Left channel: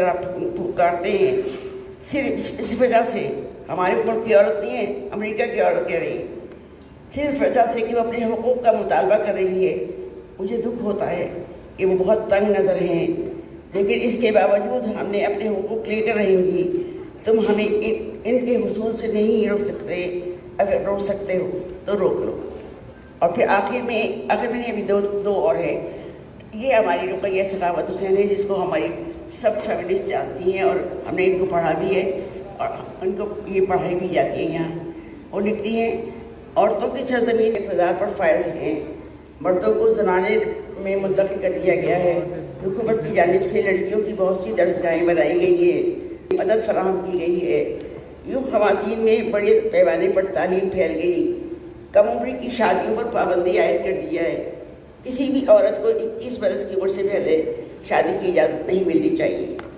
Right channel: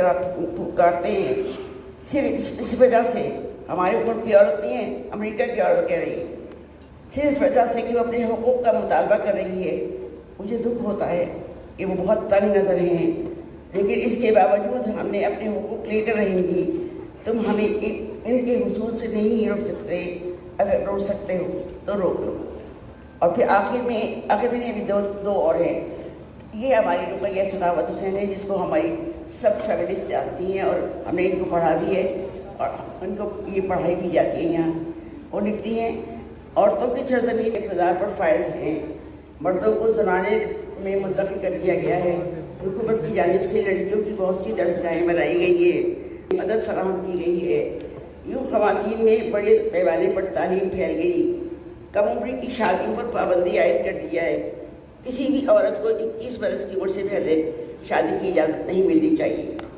طرح کاٹتے ہیں، صرف اس وجہ سے ہمارے ملک کی عورت نہیں ہے، امریکہ کی عورت کہہ رہی ہے، صرف اس وجہ سے کہ وہ اپنے حقوق کا مطالبہ کر رہی ہے۔ مجھے دکھ ہوتا ہے کہ وہ بہت تنگ نظر ہیں، لیکن اس کے باوجود ہم نے اپنے حقوق لے کر رہیں گی۔ تم ہمیں ان کے حصول سے نہیں روک سکتے، اگر روک سکتے ہو تو روک لو۔ اور پھر آخر میں ابھی دو اور ہیں، یہ ہماری رقیہ سخاوت حسین ہے، جس کو ہماری سب فیملسٹ جانتی ہیں، اور ہم نے ان کو پڑھا بھی ہے اور ان کو یہ پڑھائی بھی جاتی ہے یہاں۔ وہ لکھتی ہیں، عورتوں کی سرزمین اقتدار پر فائز ہیں، مردوں کو زنانے میں منتقل کر دیا گیا ہے۔ حکومت کی جانب سے لڑکیوں کی بہت سی درسگاہیں بنائی گئی ہیں، مدد فراہم کی گئی ہے۔ یوں خواتین میں بڑے پیمانے پر تعلیم پھیل گئی۔ کم عمری کی شادیوں پر پابندی عائد کر دیا ہے۔ کسی بھی عورت کو 21 برس کی عمر سے پہلے شادی کی اجازت نہیں ملنی چاہیے۔